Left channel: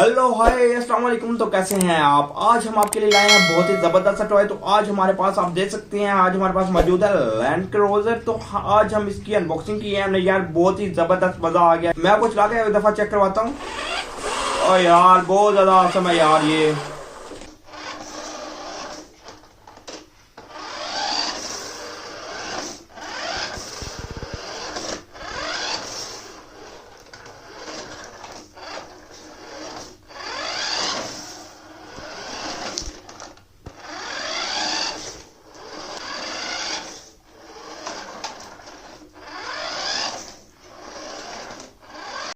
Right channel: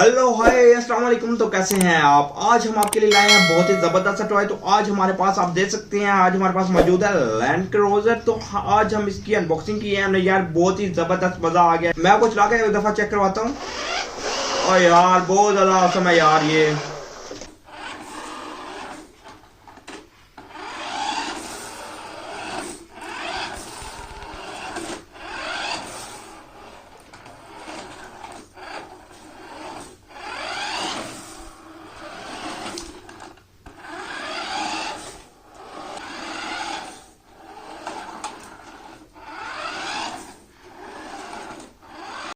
Hello hi अस्सलाम वालेकुम। तो कैसे हैं आप? आज हम आपके लिए लाए हैं बहुत ही जबरदस्त टॉय। तो आज हमारे पास आप देख सकते हैं, आज हमारे पास मौजूद है लैंड क्रूजर। तो आज हम इसकी अनबॉक्सिंग की है हमने यार, बहुत ही जबरदस्त मजा आ गया। मैं आपको चला के एक दफा चेक करवाता हूँ। और यार बहुत ज्यादा औसम है यार ये।